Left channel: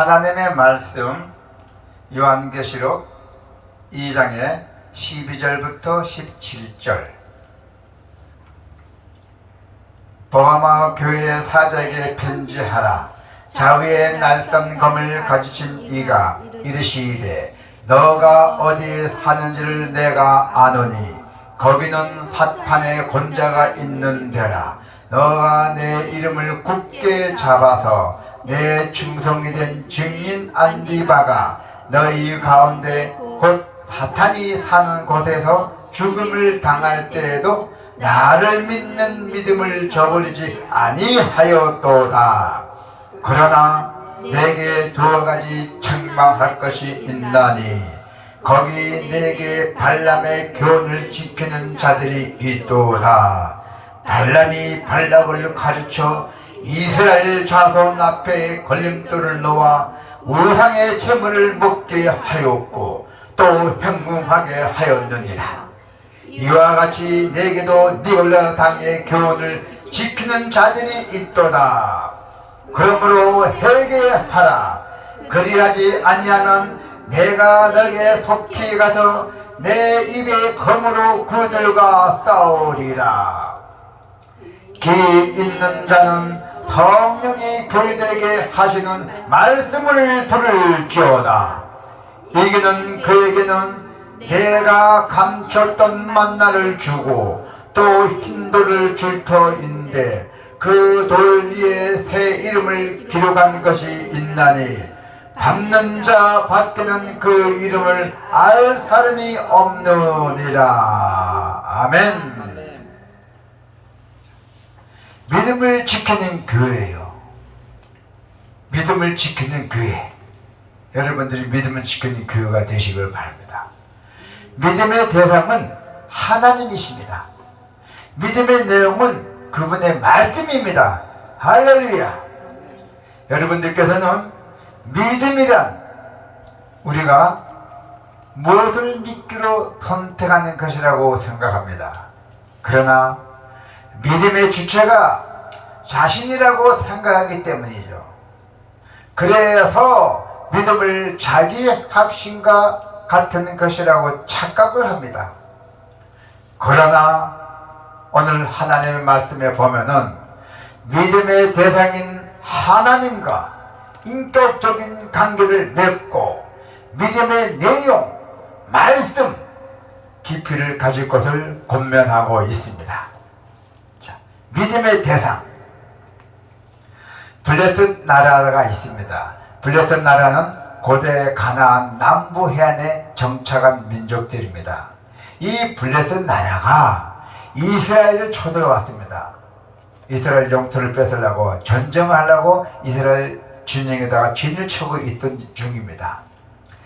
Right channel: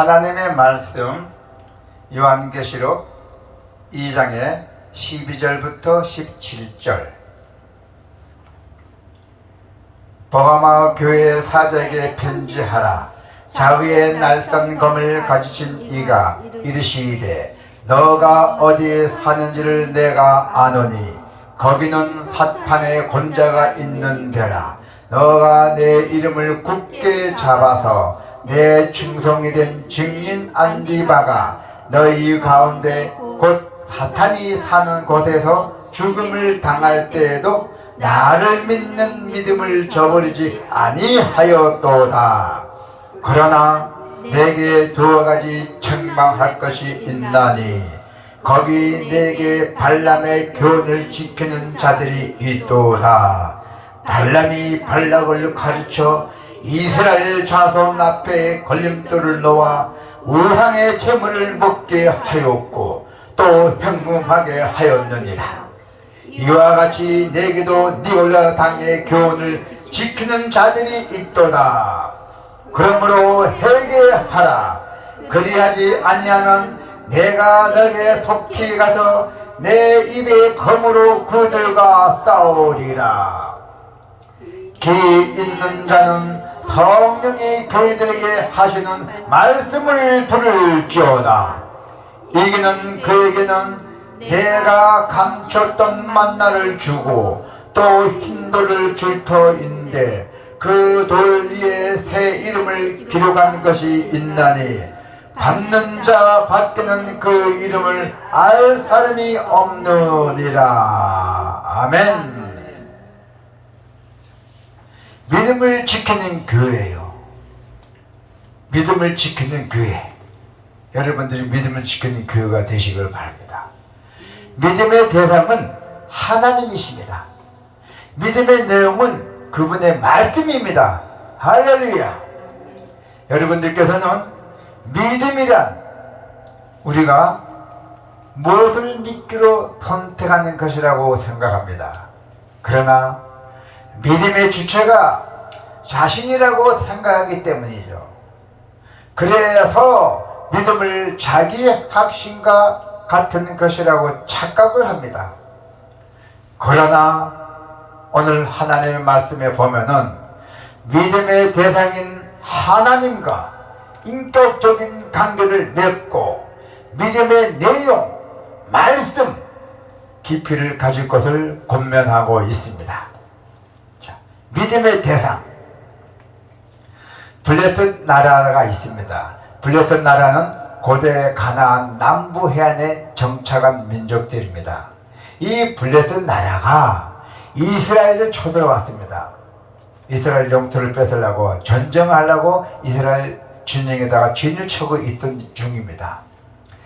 하나님의 말씀 요한계시록 2장의 12절부터 17절. 버가마 교회 사자에게 편지하라. 자위의 날선 검을 가지신 이가 이르시되 너가 어디에 사는지를 내가 아노니 거기는 사탄의 권자가 있는 데라. 너가 내 이름을 굳게 잡아서 내 충성이 된 증인 안디바가 너희 가운데 곧 사탄이 사는 곳에서 죽음을 당할 때에도 나를 믿는 믿음을 저버리지 아니하였도다. 그러나 내게 두어 가지 책망할 것이 있나니 거기 내게 발람의 교훈을 지키는 자들이 있도다. 발람이 발락을 가르쳐 이스라엘 자손 앞에 걸림돌을 놓아 우상의 재물을 먹게 하였고 또 현금하게 하였느니라. 이와 같이 내게도 니올라 당의 교훈을 지키는 자들이 있도다. 그러므로 회개하라. 그리하지 아니하면 내가 너에게 속히 가서 내 입의 검으로 그들과 싸우리라. 기 있는 자는 성령이 교회들에게 하시는 말씀을 들을지어다. 이기는 그에게는 내가 감췄던 만나를 주고 또 흰돌을 줄 터인데 그 돌 위에 새 이름을 기록한 것이 있나니 받는 자 밖에는 그 이름을 알 사람이 없느니라. 아멘. 믿음을 지키는 교회예요. 믿음을 지키는 교회. 여러분들이 믿음을 지키는 교회가 되시길 바랍니다. 믿음의 대상은 하나님이십니다. 믿음의 내용은 그분의 말씀입니다. 할렐루야. 여러분들께서는 믿음이란 우리가 무엇을 믿기로 선택하는 것이라고 생각합니다. 그러나 믿음의 주체가 자신이라고 생각하기 때문이죠. 그래서 믿음을 자기 확신과 같은 것이라고 착각을 합니다. 그러나 오늘 하나님의 말씀에 보면은 믿음의 대상인 하나님과 인격적인 관계를 맺고 믿음의 내용, 말씀, 깊이를 가질 것을 권면하고 있습니다. 자, 믿음의 대상. 블레셋 나라가 있습니다. 블레셋 나라는 고대 가나안 남부 해안에 정착한 민족들입니다. 이 블레셋 나라가 이스라엘을 쳐들어왔습니다. 이스라엘 영토를 뺏으려고 전쟁을 하려고 이스라엘 진영에다가 진을 쳐고 있던 중입니다.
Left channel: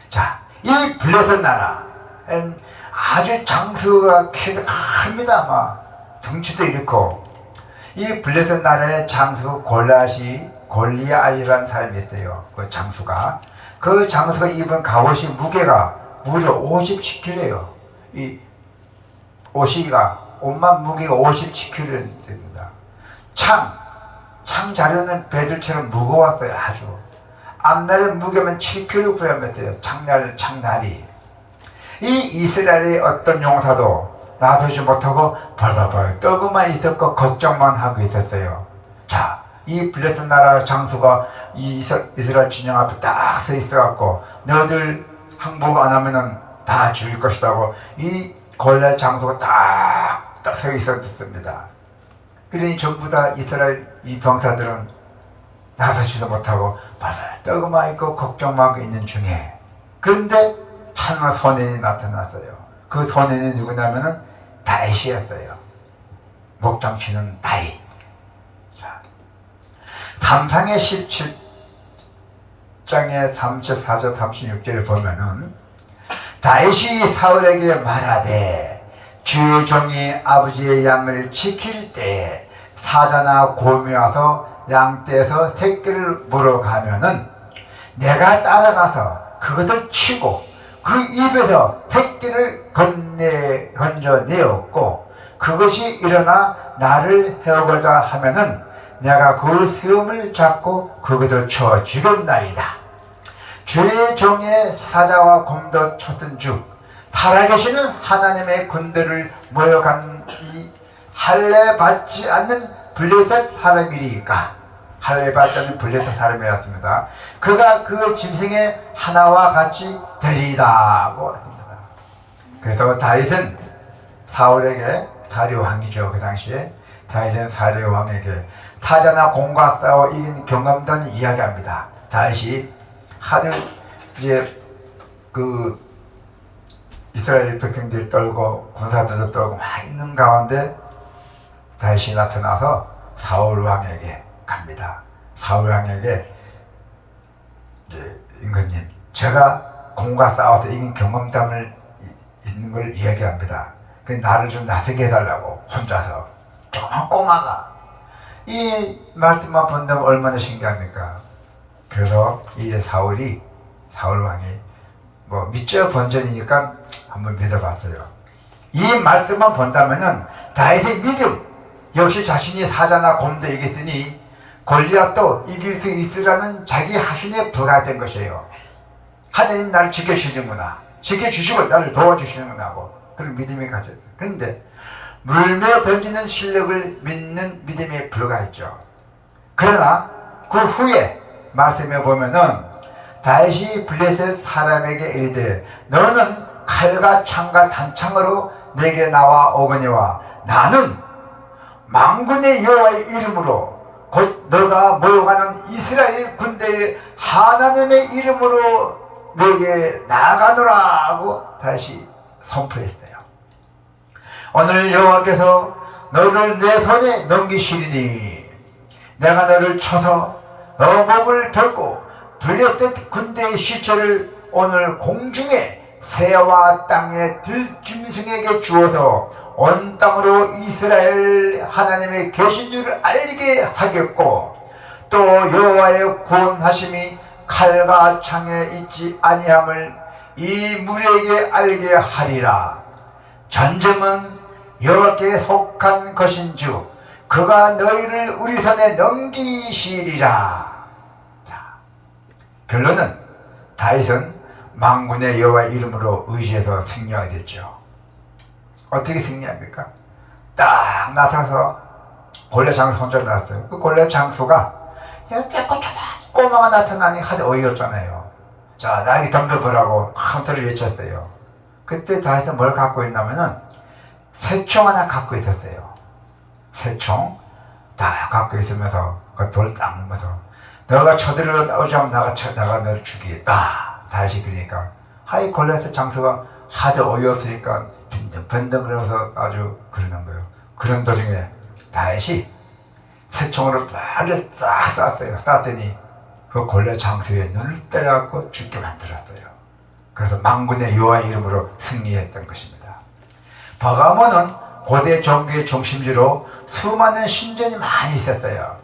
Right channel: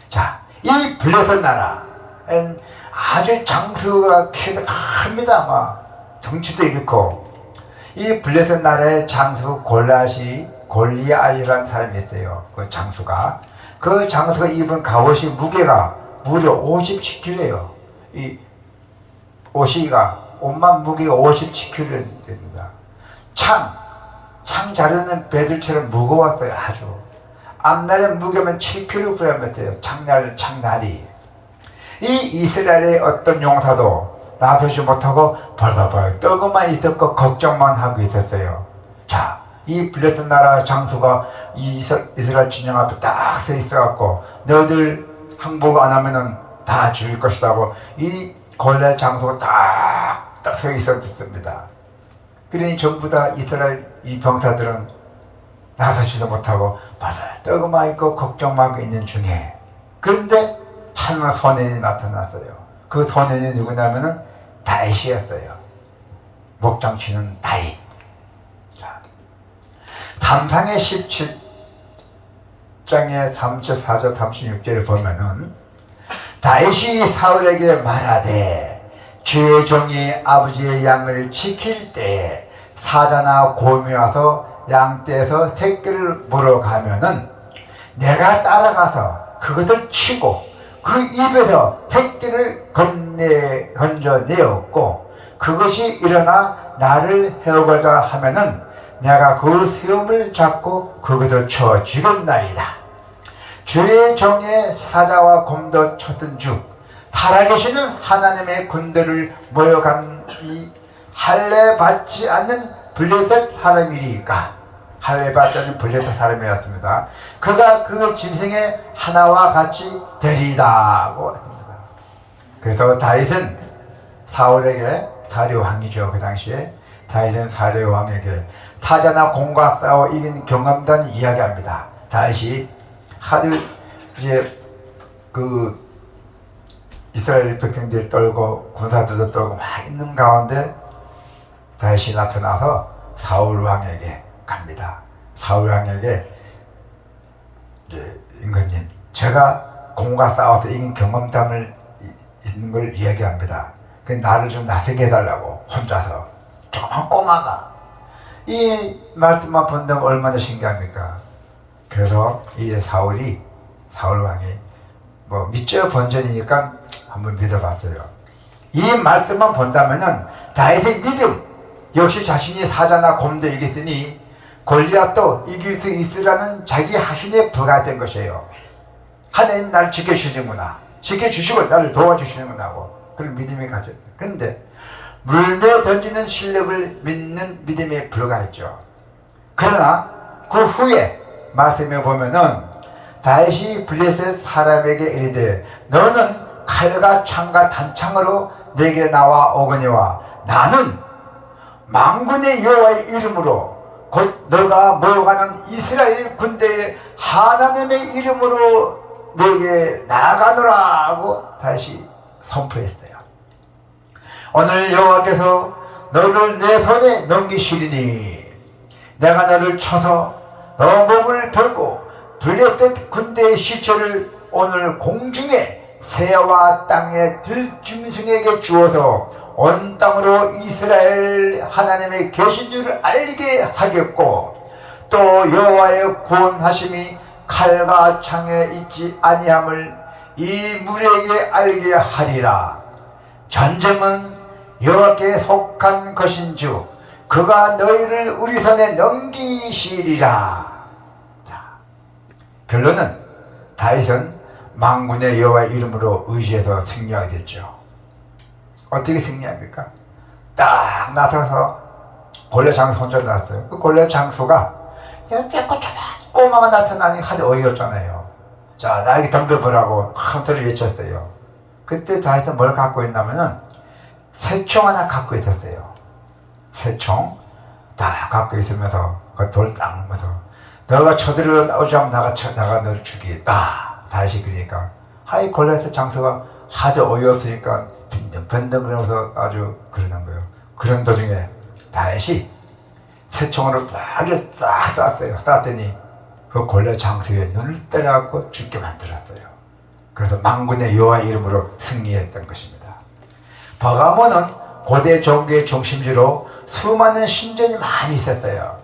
자, 이 블레셋 나라는 아주 장수가 키도 큽니다. 아마 덩치도 이렇고 이 블레셋 나라의 장수 골리앗이라는 사람이 있어요. 그 장수가 입은 갑옷이 무게가 무려 57kg예요. 이 옷만 무게가 57kg 됩니다. 창 자르는 배들처럼 무거웠어요. 아주 앞날의 무게면 7kg였어요. 창날이. 이 이스라엘의 어떤 용사도 놔두지 못하고 벌벌벌 떨고만 있었고 걱정만 하고 있었어요. 자, 이 블레셋 나라 장수가 이 이스라엘 진영 앞에 딱 서 있어갖고 너희들 항복 안 하면은 다 죽일 것이라고 이 골리앗 장수가 딱 서 있었습니다. 그러니 전부 다 이스라엘 이 병사들은 나서지도 못하고 벌벌 떨고만 있고 걱정만 하고 있는 중에 그런데 한 선인이 나타났어요. 그 선인이 누구냐면은 다윗이었어요. 목장치는 다윗. 삼상의 17장의 34절 36절을 보면은 다윗이 사울에게 말하되 주의 종이 아버지의 양을 지킬 때에 사자나 곰이 와서 양떼에서 새끼를 물어가면은 내가 따라가서 그것을 치고 그 입에서 새끼를 건져내었고 그것이 일어나 나를 해오고자 하면은 내가 그 수염을 잡고 그것을 쳐 죽였나이다. 주의 종의 사자와 곰도 쳤던 주 살아계시는 하나님의 군대를 모여간 이 할례 받지 않는 블레셋 사람이리까. 할례 받지 않는 블레셋 사람이었습니다. 그가 그 짐승의 하나와 같이 되리다고 했습니다. 그래서 다윗은 사울에게, 사울의 왕이죠 그 당시에, 다윗은 사울의 왕에게 사자나 곰과 싸워 이긴 경험담을 이야기합니다. 다윗이 하도 이제 그 이스라엘 백성들 떨고 군사들도 떨고 막 있는 가운데 다윗이 나타나서 사울 왕에게 갑니다. 사울 왕에게 이제 임금님, 제가 곰과 싸워서 이긴 경험담을 있는 걸 이야기합니다. 그 나를 좀 나서게 해달라고. 혼자서 조그만 꼬마가 이 말씀만 본다면 얼마나 신기합니까? 그래서 이 사울 왕이 뭐 믿죠 본전이니까 한번 믿어봤어요. 이 말씀만 본다면은 다윗의 믿음, 역시 자신이 사자나 곰도 이겼으니 골리앗도 이길 수 있으라는 자기 확신에 불과된 것이에요. 하나님 나를 지켜주시는구나, 지켜주시고 나를 도와주시는구나 하고 그런 믿음이 가졌어요. 그런데 물에 던지는 실력을 믿는 믿음에 불과했죠. 그러나 그 후에 말씀에 보면은 다윗이 블레셋 사람에게 이르되 너는 칼과 창과 단창으로 내게 나와 오거니와 나는 만군의 여호와의 이름으로 곧 너가 모여가는 이스라엘 군대의 하나님의 이름으로 내게 나아가노라 하고 다시 선포했어요. 오늘 여호와께서 너를 내 손에 넘기시리니 내가 너를 쳐서 너 목을 들고 블레셋 군대의 시체를 오늘 공중에 새와 땅의 들짐승에게 주어서 온 땅으로 이스라엘 하나님의 계신 줄을 알게 하겠고 또 여호와의 구원하심이 칼과 창에 있지 아니함을 이 무리에게 알게 하리라. 전쟁은 여호와께 속한 것인즉 그가 너희를 우리 손에 넘기시리라. 자, 결론은 다윗은 만군의 여호와의 이름으로 의지해서 승리하게 됐죠. 어떻게 승리합니까? 딱 나서서 골리앗 장수 혼자 나왔어요. 그 골리앗 장수가 깨끗한 꼬마가 나타나니 하도 어이없잖아요. 자, 나에게 덤벼보라고 한테를 외쳤어요. 그때 다윗은 뭘 갖고 있냐면은 새총 하나 갖고 있었어요. 새총 다 갖고 있으면서 그 돌 닦으면서 너가 쳐들어 나오지 않으면 나가 너를 죽이겠다. 다시 그러니까 하이 골리앗 장수가 하도 어이없으니까 빈둥빈둥 그러면서 아주 그러는 거예요. 그런 도중에 다윗이 새총으로 빨리 싹 쐈어요. 쐈더니 그 골리앗 장수의 눈을 때려갖고 죽게 만들었어요. 그래서 만군의 여호와 이름으로 승리했던 것입니다. 버가모는 고대 종교의 중심지로 수많은 신전이 많이 있었어요.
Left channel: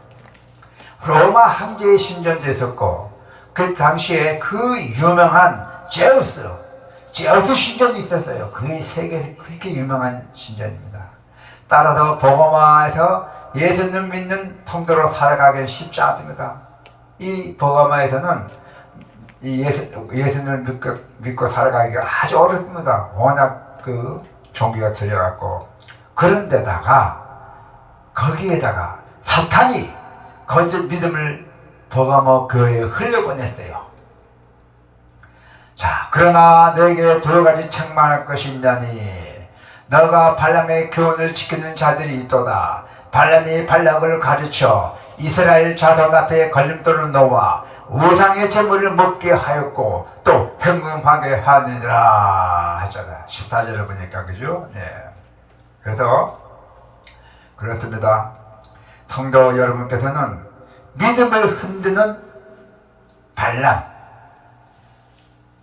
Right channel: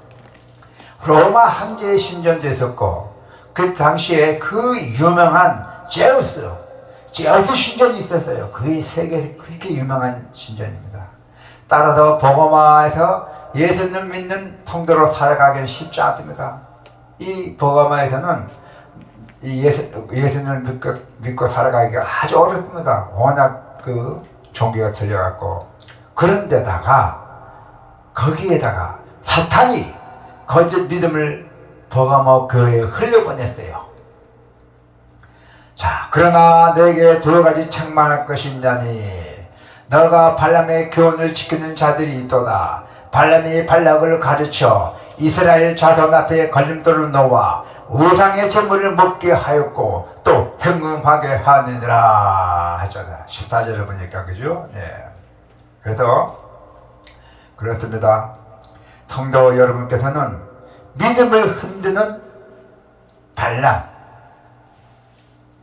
로마 황제의 신전도 있었고 그 당시에 그 유명한 제우스 신전이 있었어요. 그게 세계에서 그렇게 유명한 신전입니다. 따라서 버가마에서 예수님 믿는 통도로 살아가기는 쉽지 않습니다. 이 버가마에서는 이 예수님을 믿고 살아가기가 아주 어렵습니다. 워낙 그 종교가 틀려갖고. 그런데다가 거기에다가 사탄이 거짓 믿음을 버가모 교회에 흘려보냈어요. 자, 그러나 내게 두 가지 책망할 것이 있나니 너가 발람의 교훈을 지키는 자들이 있도다. 발람이 발락을 가르쳐 이스라엘 자손 앞에 걸림돌을 놓아 우상의 제물을 먹게 하였고 또 행음하게 하느니라 했잖아요. 14절을 보니까 그죠? 네. 그래서 그렇습니다. 성도 여러분께서는 믿음을 흔드는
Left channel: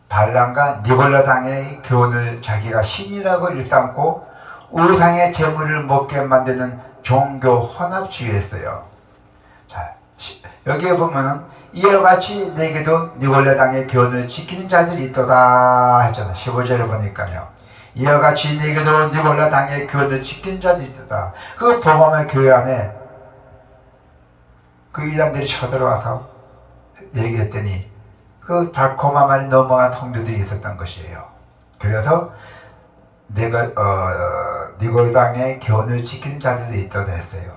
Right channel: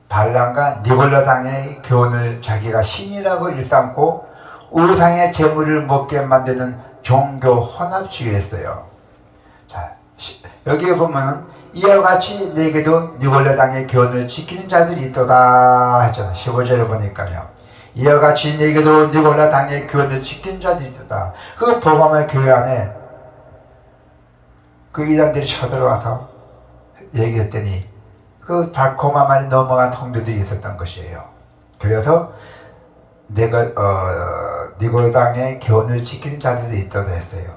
발람과 니골라당의 교훈을 자기가 신이라고 일삼고 우상의 제물을 먹게 만드는 종교 혼합주의였어요. 자, 여기에 보면 이와 같이 내게도 니골라당의 교훈을 지키는 자들이 있도다 했잖아. 15절을 보니까요. 이와 같이 내게도 니골라당의 교훈을 지키는 자들이 있도다. 그 버가마 교회 안에 그 이단들이 쳐들어와서 얘기했더니 그 달콤함만이 넘어간 성도들이 있었던 것이에요. 그래서 니고당의 교훈을 지키는 자들도 있다고 했어요.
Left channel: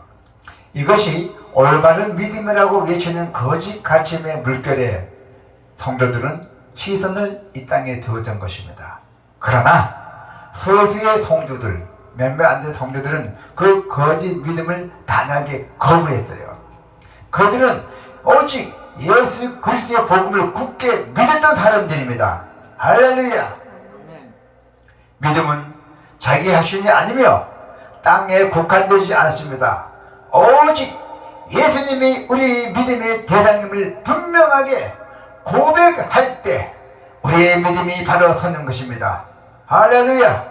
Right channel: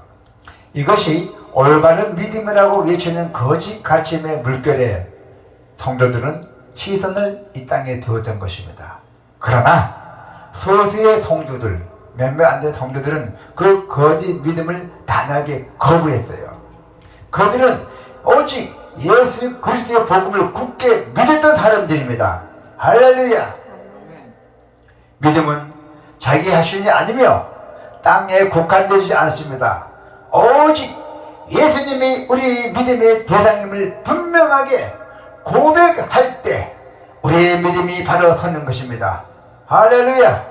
이것이 올바른 믿음이라고 외치는 거짓 가르침의 물결에 성도들은 시선을 이 땅에 두었던 것입니다. 그러나 소수의 성도들, 몇몇 안 된 성도들은 그 거짓 믿음을 단호하게 거부했어요. 그들은 오직 예수 그리스도의 복음을 굳게 믿었던 사람들입니다. 할렐루야. 믿음은 자기 자신이 아니며 땅에 국한되지 않습니다. 오직 예수님이 우리 믿음의 대상임을 분명하게 고백할 때 우리의 믿음이 바로 서는 것입니다. 할렐루야.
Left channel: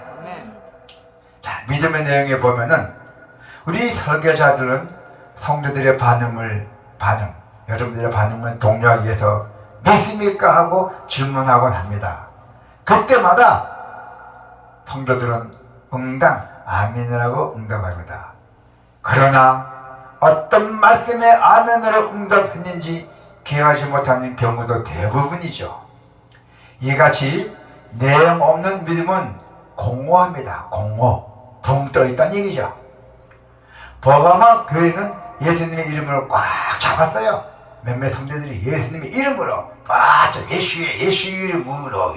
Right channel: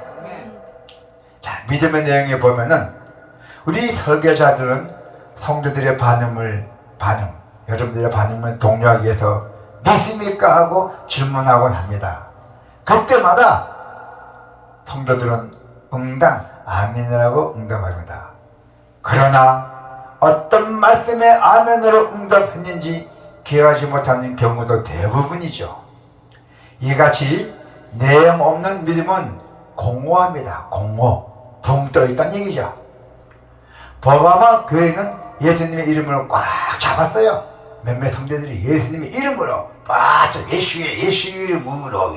자, 믿음의 내용에 보면은 우리 설교자들은 성도들의 여러분들의 반응을 독려하기 위해서 믿습니까? 하고 질문하곤 합니다. 그때마다 성도들은 응당, 아멘이라고 응답합니다. 그러나 어떤 말씀에 아멘으로 응답했는지 기억하지 못하는 경우도 대부분이죠. 이같이 내용 없는 믿음은 공허합니다. 공허, 붕 떠있다는 얘기죠. 버가마 교회는 예수님의 이름을 꽉 잡았어요. 몇몇 성도들이 예수님의 이름으로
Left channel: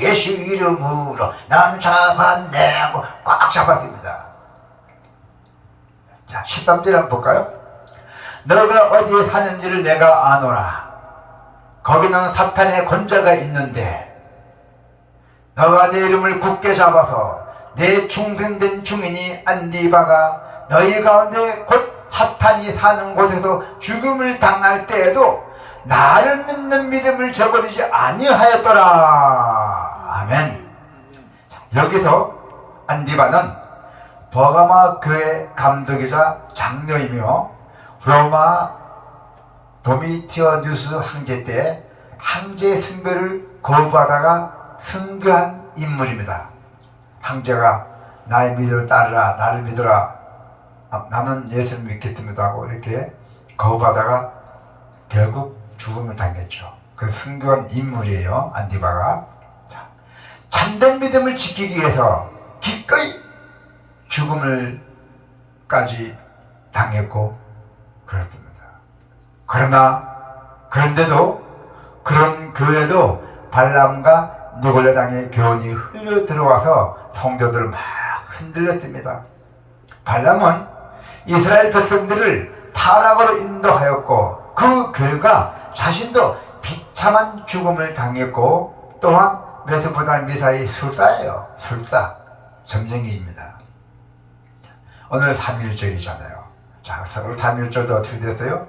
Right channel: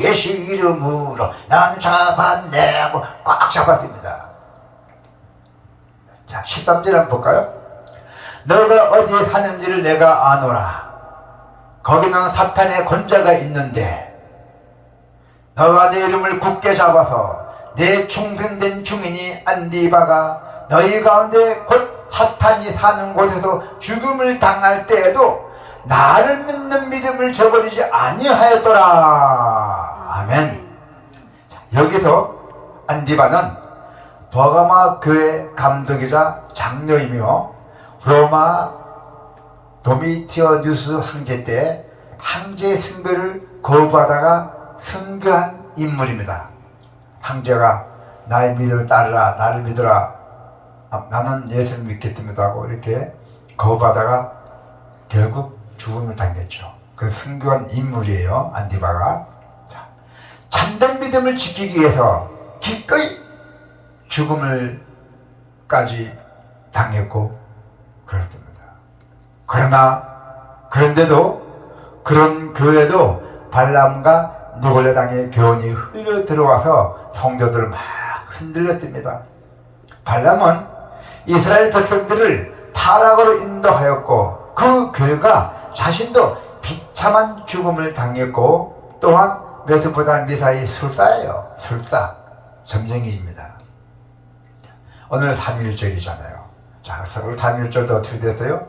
예수 이름으로 나는 잡았네 하고 꽉 잡았습니다. 자, 13절 한번 볼까요? 너가 어디에 사는지를 내가 아노라. 거기는 사탄의 권자가 있는데 너가 내 이름을 굳게 잡아서 내 충성된 증인이 안디바가 너희 가운데 곧 사탄이 사는 곳에서 죽음을 당할 때에도 나를 믿는 믿음을 저버리지 아니하였더라. 아멘. 여기서 안디바는 버가마 교회 감독이자 장로이며 로마 도미티어누스 황제 때 황제 승배를 거부하다가 순교한 인물입니다. 황제가 나의 믿음을 따르라, 나를 믿어라, 나는 예수를 믿겠습니다 하고 이렇게 거부하다가 결국 죽음을 당했죠. 그 순교한 인물이에요, 안디바가. 참된 믿음을 지키기 위해서 기꺼이 죽음을까지 당했고 그렇습니다. 그런데도 그런 교회도 발람과 니골레당의 교훈이 흘러 들어와서 성도들을 막 흔들렸습니다. 발람은 이스라엘 백성들을 타락으로 인도하였고 그 결과 자신도 비참한 죽음을 당했고 또한 메소포타미아의 술사예요. 술사, 점쟁이입니다. 오늘 3.1절이잖아요. 자, 오늘 3.1절도 어떻게 됐어요?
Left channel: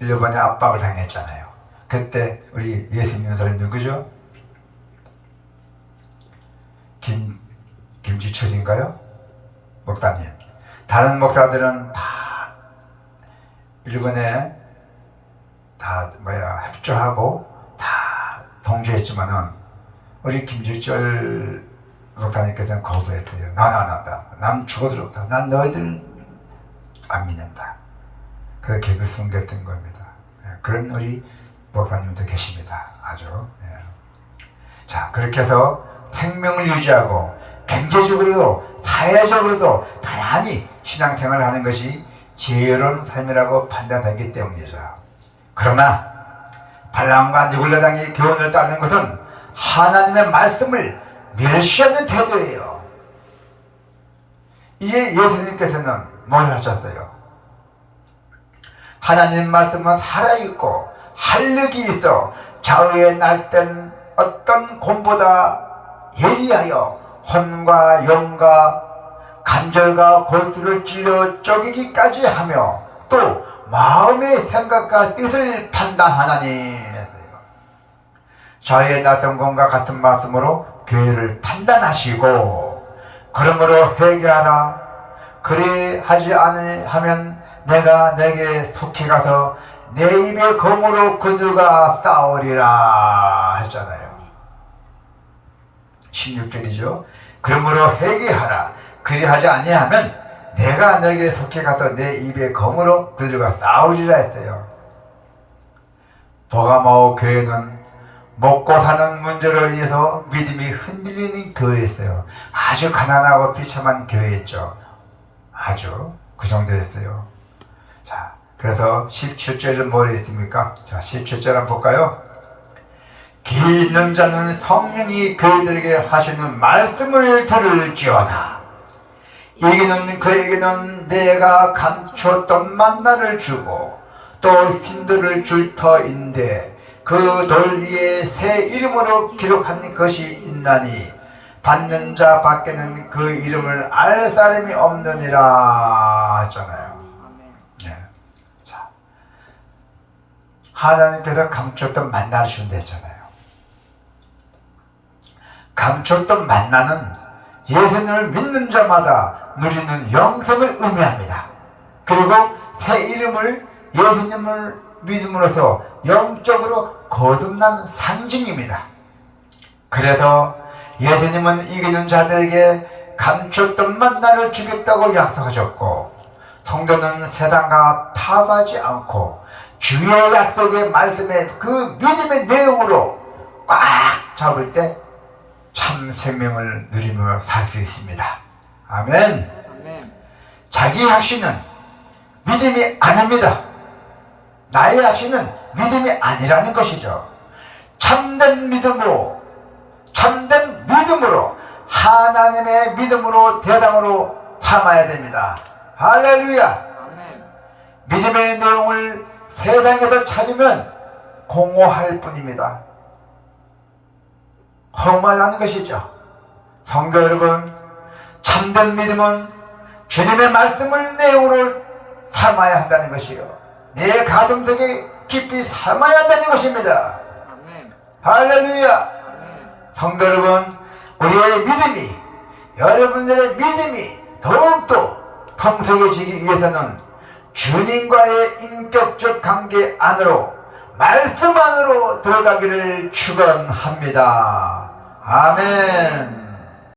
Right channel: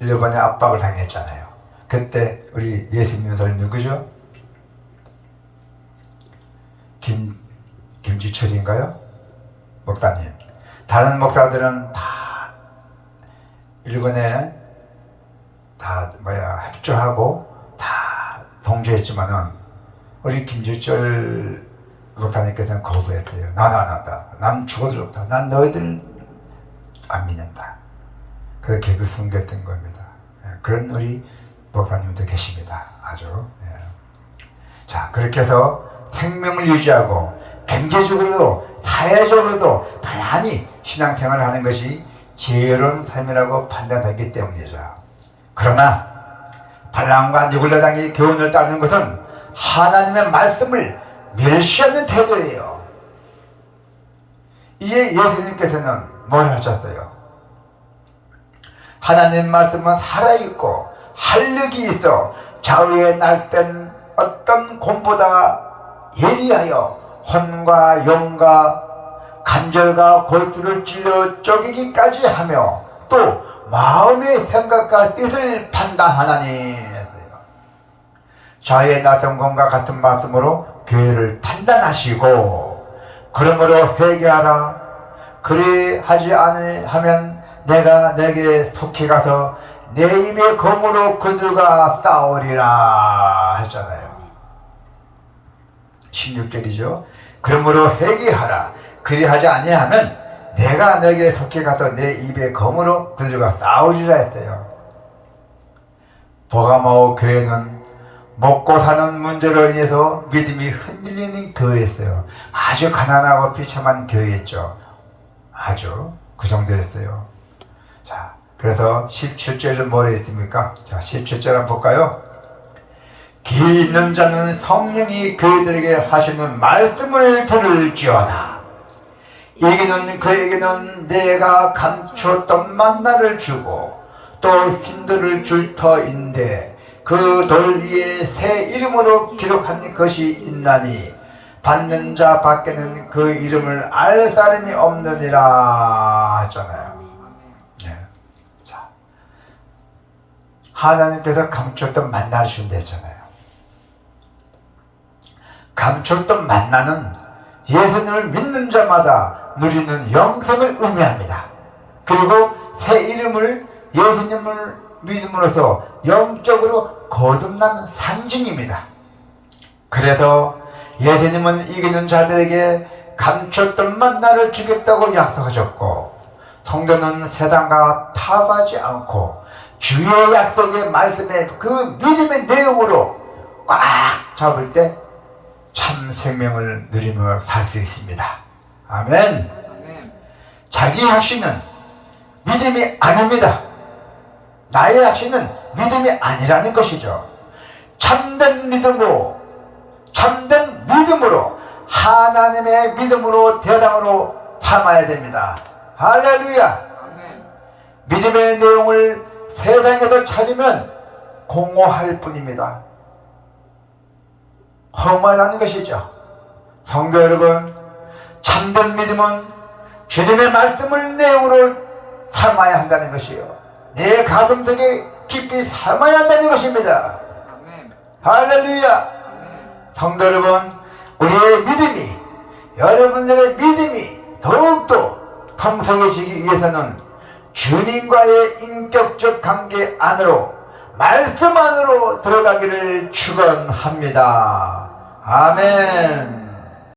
일본의 압박을 당했잖아요. 그때 우리 예수 믿는 사람이 누구죠? 김지철인가요? 목사님. 다른 목사들은 다 일본에 협조하고 다 동조했지만은 우리 김지철 목사님께서는 거부했대요. 난 죽어도 좋다. 난 너희들 안 믿는다. 그래서 결국 숨겼던 겁니다. 그런 우리 목사님도 계십니다. 아주. 자, 그렇게 해서 생명을 유지하고 경제적으로도 사회적으로도 다양히 신앙생활을 하는 것이 지혜로운 삶이라고 판단하기 때문이죠. 그러나 발람과 니골라당의 교훈을 따르는 것은 하나님의 말씀을 멸시하는 태도예요. 이에 예수님께서는 뭘 하셨어요? 하나님 말씀은 살아있고 활력이 있어 좌우에 날땐 어떤 곰보다 예리하여 혼과 영과 간절과 골수를 찔러 쪼개기까지 하며 또 마음의 생각과 뜻을 판단하나니. 좌우에 나선 것과 같은 말씀으로 교회를 판단하시고 그러므로 회개하라. 그리하지 않으면 내가 내게 속히 가서 내 입의 검으로 그들과 싸우리라 했잖아요. 16절이죠. 그러므로 회개하라. 그리하지 아니하면 내가 너에게 속히 가서 내 입의 검으로 그들과 싸우리라 했어요. 버가마오 교회는 먹고 사는 문제로 인해서 믿음이 흔들리는 교회였어요. 아주 가난하고 비참한 교회였죠. 아주 그 정도였어요. 자, 그래서 17절은 뭐라 했습니까? 자, 17절 한번 볼까요? 귀 있는 자는 성령이 그들에게 하시는 말씀을 들을지어다. 이기는 그에게는 내가 감추었던 만나를 주고 또 힘들을 줄 터인데 그 돌 위에 새 이름으로 기록한 것이 있나니 받는 자 밖에는 그 이름을 알 사람이 없느니라 하잖아요. 네. 자, 하나님께서 감췄던 만나를 준다 했잖아요. 감췄던 만나는 예수님을 믿는 자마다 누리는 영생을 의미합니다. 그리고 새 이름을 예수님을 믿음으로써 영적으로 거듭난 상징입니다. 그래서 예수님은 이기는 자들에게 감췄던 만나를 주겠다고 약속하셨고 성도는 세상과 타협하지 않고 주의 약속의 말씀에 그 믿음의 내용으로 꽉 잡을 때 참 생명을 누리며 살 수 있습니다. 아멘. 자기 확신은 믿음이 아닙니다. 나의 확신은 믿음이 아니라는 것이죠. 참된 믿음으로 하나님의 믿음으로 대상으로 삼아야 됩니다. 할렐루야. 믿음의 내용을 세상에서 찾으면 공허할 뿐입니다. 허무하다는 것이죠. 성도 여러분, 참된 믿음은 주님의 말씀을 내용으로 삼아야 한다는 것이요, 내 가슴속에 깊이 삼아야 한다는 것입니다. 할렐루야. 성도 여러분, 우리의 믿음이, 여러분들의 믿음이 더욱더 풍성해지기 위해서는 주님과의 인격적 관계 안으로, 말씀 안으로 들어가기를 축원합니다. 아멘.